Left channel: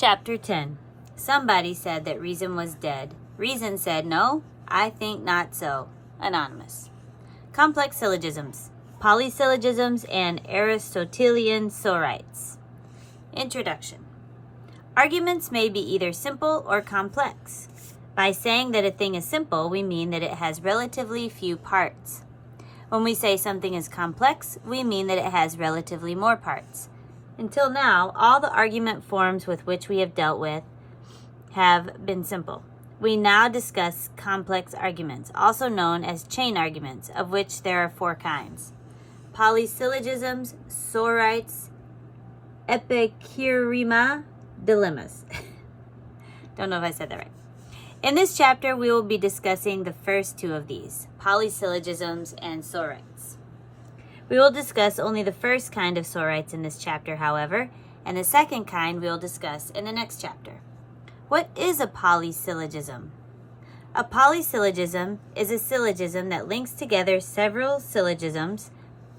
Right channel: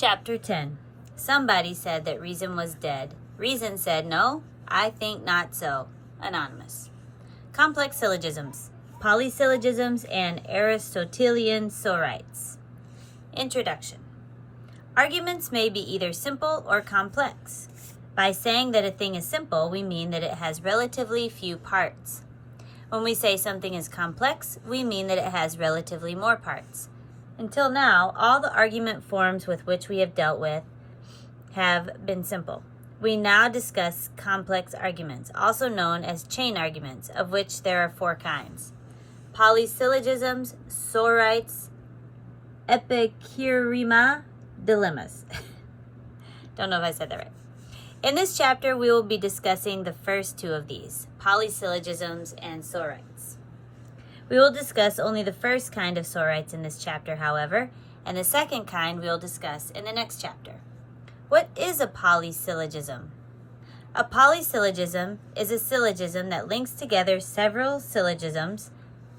Chapter 10. Somebody said that reason was dead. Reason said, no, I think not so. Anonymous. Complex syllogisms, polysyllogisms, and Aristotelian sorites. Introduction. Arguments may be either simple or complex. By saying that a thing is simple, we mean that it has relatively few parts. When we say something is complex, we mean that it has relatively more parts. Until now, all the argument forms with which we have dealt with have been simple. We now discuss complex arguments, also known as chain arguments, of which there are 4 kinds: polysyllogisms, sorites, epicurema, dilemmas. Don't know if I said that right. In this chapter, we will be discussing the first 2 of these, polysyllogisms and sorites. We will discuss only the first kind of sorites in this chapter, however, and the second kind we will discuss in the next chapter. What is a polysyllogism? A polysyllogism is a syllogism that links together several syllogisms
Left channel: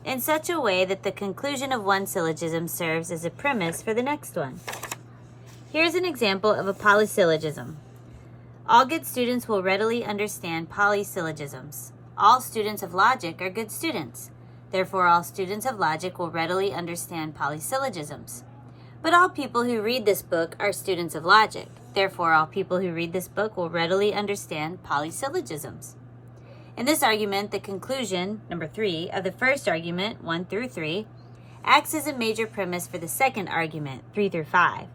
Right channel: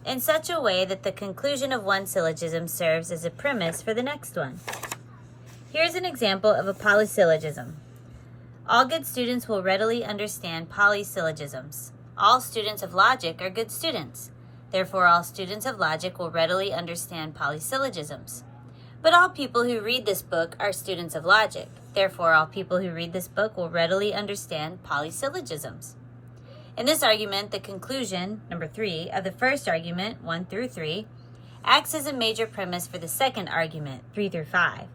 in such a way that the conclusion of one syllogism serves as a premise for the next one. Here's an example of a polysyllogism. All good students will readily understand polysyllogisms. All students of logic are good students. Therefore, all students of logic will readily understand polysyllogisms. But all people who read this book are students of logic. Therefore, all people who read this book will readily understand polysyllogisms. In this argument, the conclusion, number 3, of the first argument, 1 through 3, acts as a major premise for the second argument, 3 through 5.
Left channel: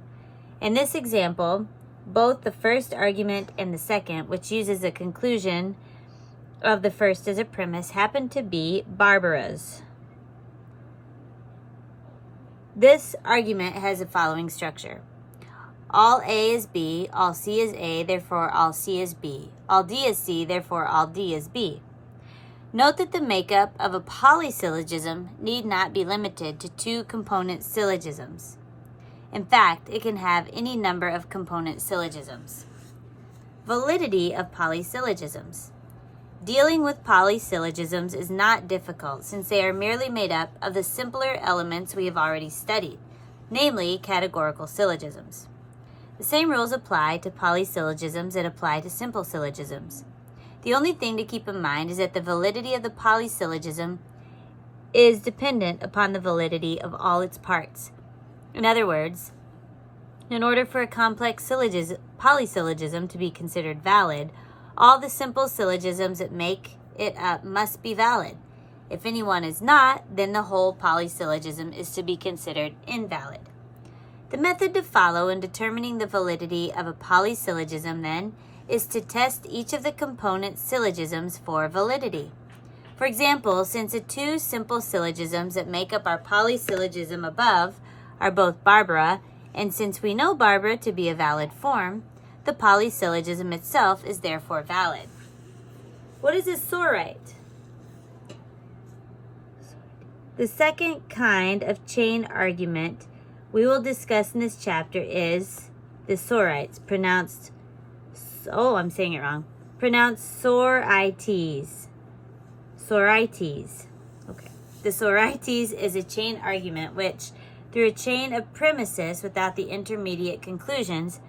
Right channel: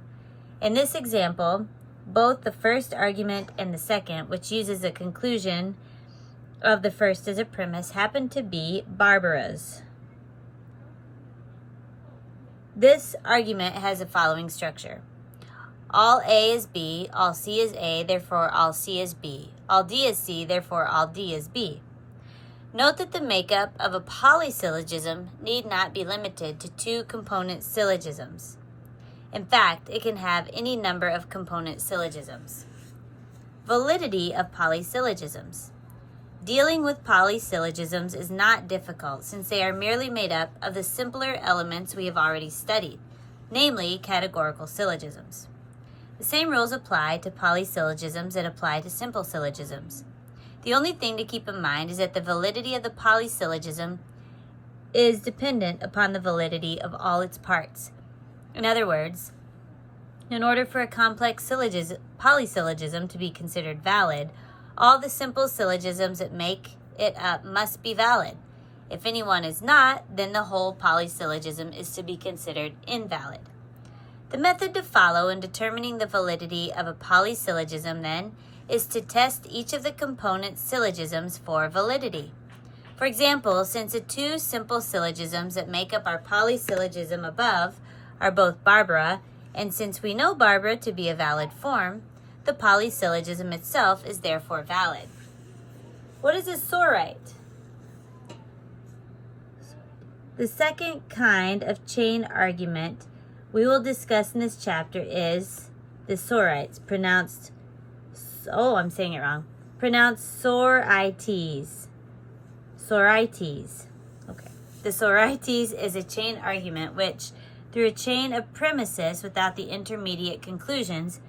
In this example, both the first argument and the second, which uses a conclusion of the first as a premise, happen to be Barbara's. This argument has the following structure. All A is B, all C is A, therefore all C is B. All D is C, therefore all D is B. Note that the makeup of a polysyllogism need not be limited to 2 component syllogisms. In fact, it can have any number of component syllogisms. Validity of polysyllogisms. Dealing with polysyllogisms is not difficult since they are merely made up of the simpler elements we have already studied, namely categorical syllogisms. The same rules apply to polysyllogisms that apply to simple syllogisms. The only thing to keep in mind is that the validity of the polysyllogism is dependent upon the validity of all its parts. In other words, in order for a complex polysyllogism to be considered valid, all the simple syllogisms that make it up must be valid. If any one is not, then the whole polysyllogism is to be considered invalid. The method to follow in determining the validity of a polysyllogism, then, is to test each of the component syllogisms for validity. For example, since the 2 simple syllogisms that make up our polysyllogism above are both Barbara, and since we know Barbara to be a valid form, the polysyllogism itself is therefore valid. What is a sorite? The second kind of chain argument we will discuss in this chapter is the sorites, pronounced sorites. Sorites. Okay. The sorites is a chain argument which, through a chain of premises without the intermediate conclusions,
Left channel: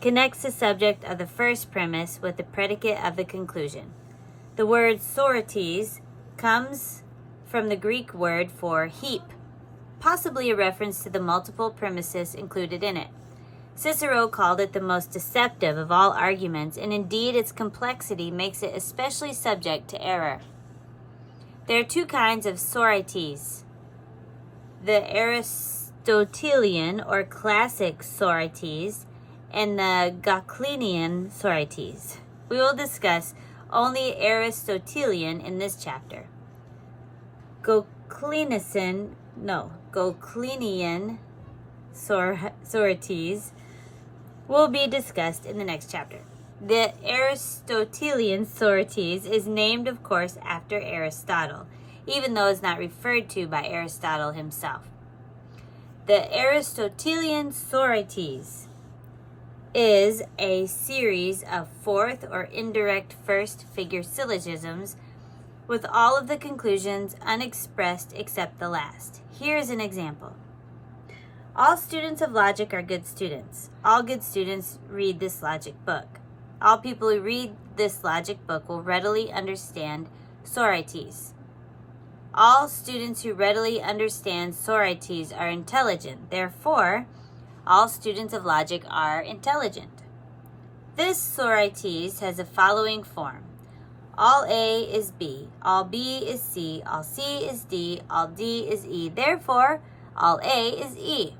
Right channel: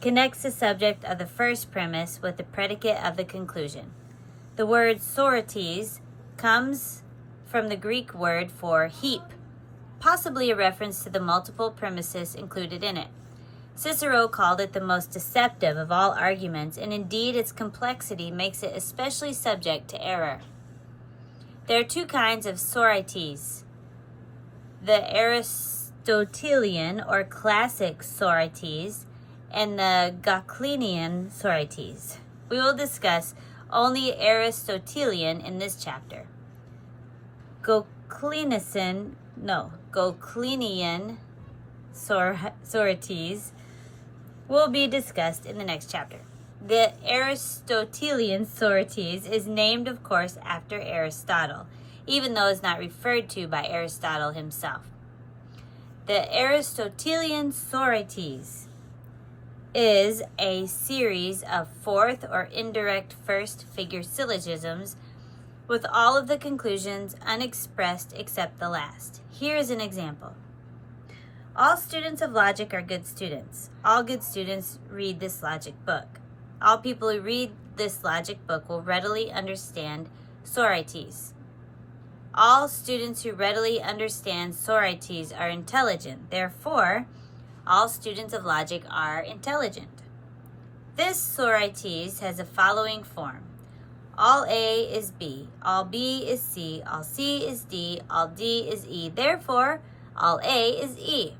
connects the subject of the first premise with the predicate of the conclusion. The word sorites comes from the Greek word for heap, possibly a reference to the multiple premises included in it. Cicero called it the most deceptive of all arguments, and indeed its complexity makes it especially subject to error. There are 2 kinds of sorites: the Aristotelian or classic sorites and the Goclenian sorites. We will discuss only Aristotelian in this chapter. Goclenian sorites will be discussed in the next chapter. The Aristotelian sorites is named, of course, after Aristotle, even though it's not referred to by Aristotle himself. The Aristotelian sorites is a series of 4th or indirect first figure syllogisms with all of the conclusions unexpressed except the last. Here is an example. All students of logic are good students. All good students read this logic book. All people who read this logic book will readily understand Sorites. All students who readily understand Sorites are intelligent. Therefore, all students of logic are intelligent. This Sorites has the following form. All A is B, all B is C, all C is D, all D is E. Therefore, all A is E.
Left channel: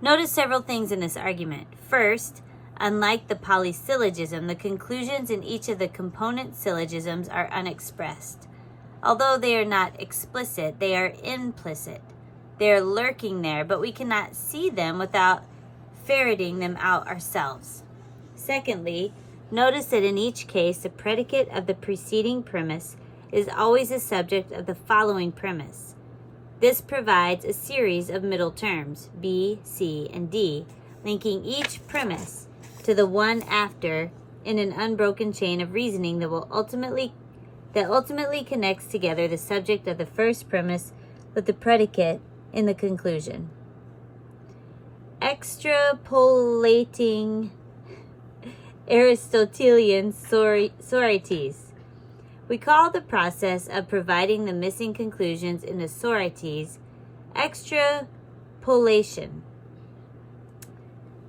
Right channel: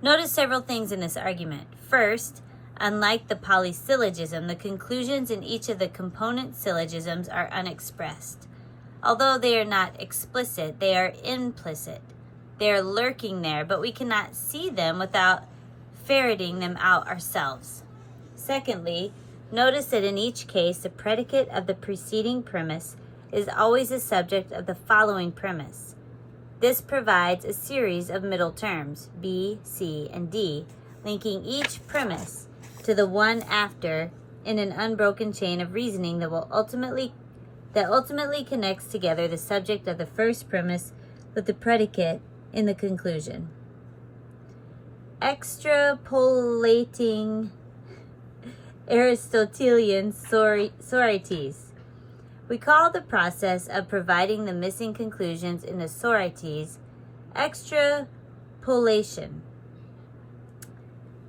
Notice several things in this argument. First, unlike the polysyllogism, the conclusions in each of the component syllogisms are unexpressed. Although they are not explicit, they are implicit. They are lurking there, but we cannot see them without ferreting them out ourselves. Secondly, notice that in each case, the predicate of the preceding premise is always the subject of the following premise. This provides a series of middle terms, B, C, and D, linking each premise to the one after in an unbroken chain of reasoning that ultimately connects together the subject of the first premise with the predicate in the conclusion. Extrapolating Aristotelian Sorites. We call the process of providing the missing conclusions in the Sorites extrapolation.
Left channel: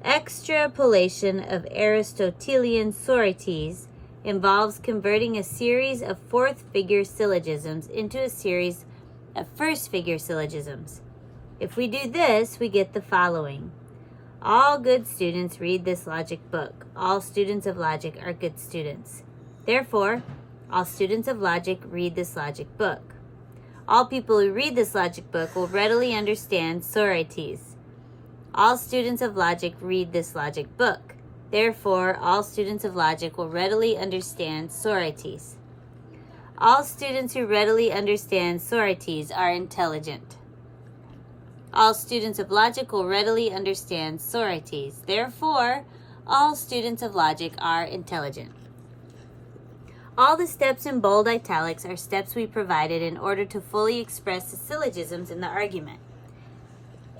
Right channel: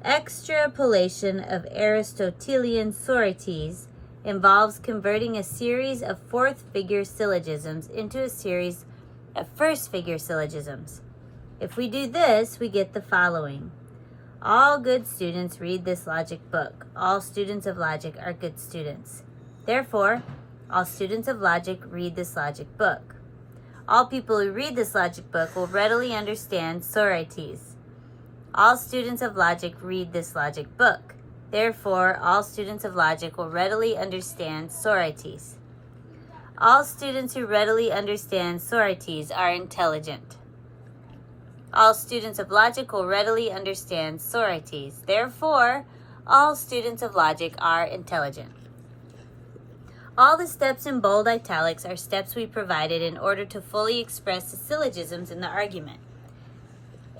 Extrapolation of Aristotelian Sorites involves converting a series of fourth-figure syllogisms into a series of first-figure syllogisms. If we do this, we get the following. All good students read this logic book. All students of logic are good students. Therefore, all students of logic read this logic book. All people who read this logic book will readily understand Sorites. All students of logic read this logic book. Therefore, all students of logic will readily understand Sorites. All students who readily understand Sorites are intelligent. All students of logic will readily understand Sorites. Therefore, all students of logic are intelligent. All the steps in bold italics are steps we provided in order to fully express the syllogisms in the argument.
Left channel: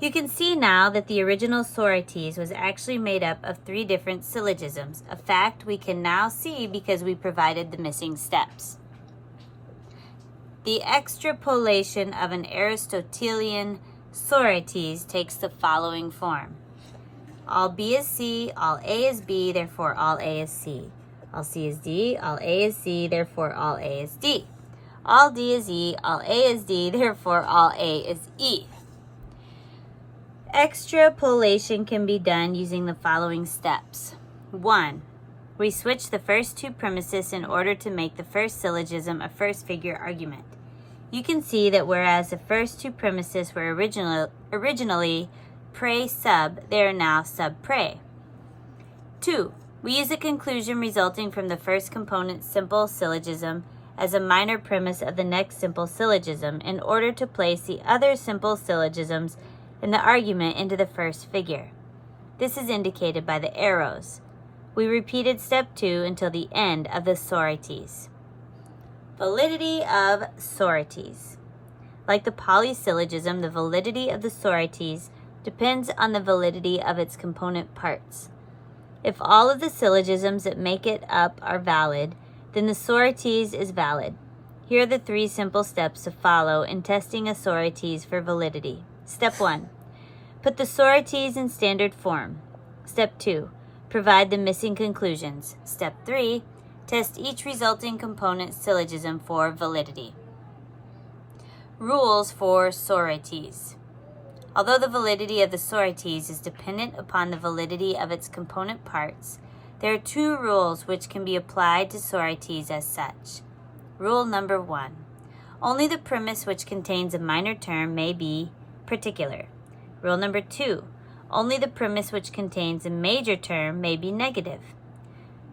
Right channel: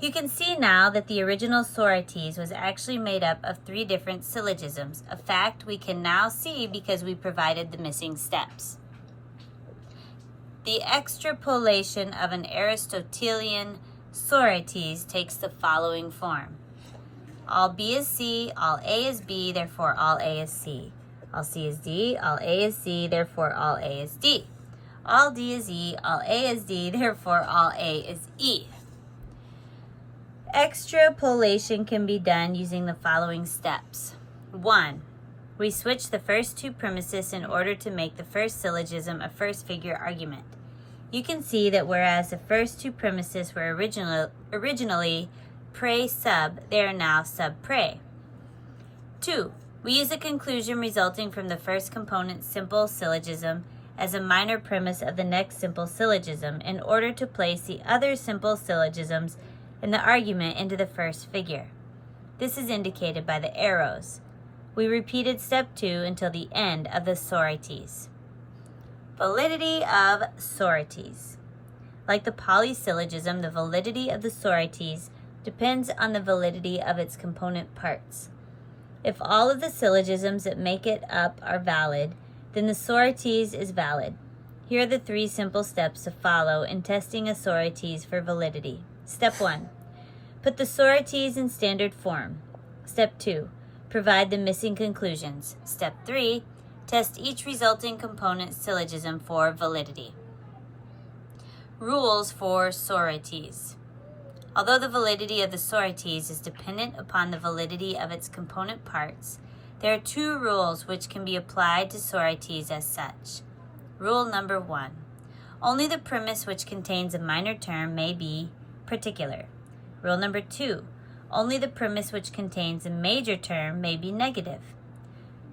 You can see now that the original Sorites was actually made up of 3 different syllogisms, a fact we can now see because we provided the missing steps. The extrapolation of an Aristotelian Sorites takes the following form. All B is C, all A is B, therefore all A is C. All C is D, all A is C, therefore all A is D. All D is E, all A is D, therefore all A is E. Extrapolation can be done using the following steps. 1. We switch the first 2 premises in order to make the first syllogism a first-figure argument. You can see that whereas the first 2 premises were originally pre-sub, they are now sub-pre. 2. We use a conclusion resulting from the first component simple syllogism as a minor premise of the next simple syllogism in order to place the other simple syllogisms in the argument into the first figure. This is indicated by the arrows. We repeated step 2 until the end of the Sorites. Validity of Sorites. Like the polysyllogism, the validity of the Sorites depends on the validity of its component parts. If all of the syllogisms that make it up are valid, then the Sorites is valid. Here are the 3 simple steps to follow in testing a Sorites for validity. Step 1. Put the Sorites in standard form. Step 2. Provide the missing conclusions. Step 3. Test each resulting component syllogism for validity. Rules for Sorites. Although the validity of the Sorites is dependent upon the validity of its component parts, there are 2 rules which can be applied to Sorites as such. Rule number 1. Only the premise which contains a minor term may be particular. Rule number 2. Only the premise which contains a major term may be negative.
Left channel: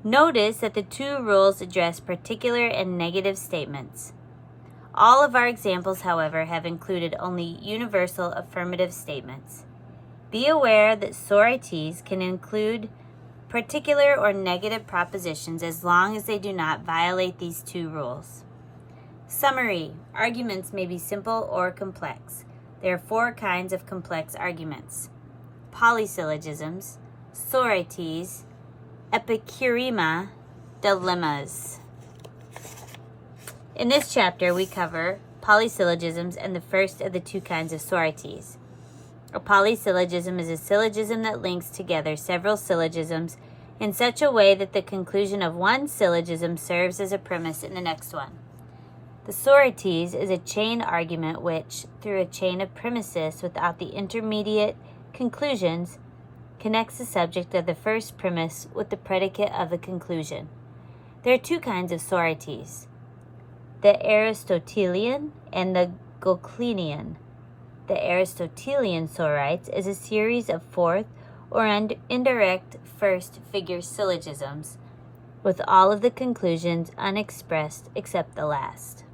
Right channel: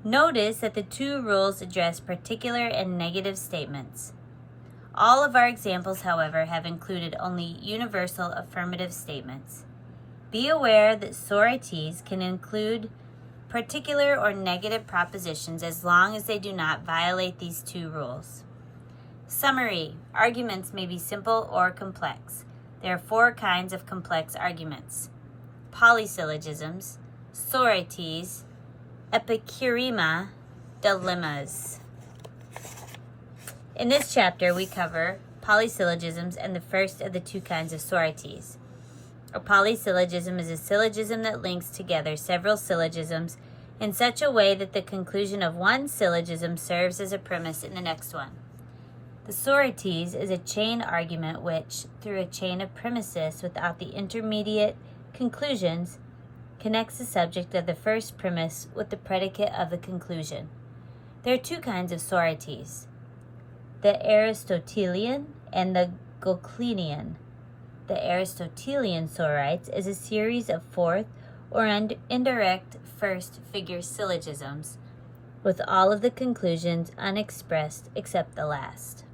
Notice that the 2 rules address particular and negative statements. All of our examples, however, have included only universal affirmative statements. Be aware that Sorites can include particular or negative propositions as long as they do not violate these 2 rules. Summary. Arguments may be simple or complex. There are 4 kinds of complex arguments: polysyllogisms, sorites, epicurema, dilemmas. In this chapter, we cover polysyllogisms and the first of the 2 kinds of sorites. A polysyllogism is a syllogism that links together several syllogisms in such a way that the conclusion of one syllogism serves as a premise in the next one. The sorites is a chain argument which, through a chain of premises without the intermediate conclusions, connects the subject of the first premise with the predicate of the conclusion. There are 2 kinds of sorites: the Aristotelian and the Goclenian. The Aristotelian sorites is a series of fourth or indirect first figure syllogisms, with all of the conclusions unexpressed except the last.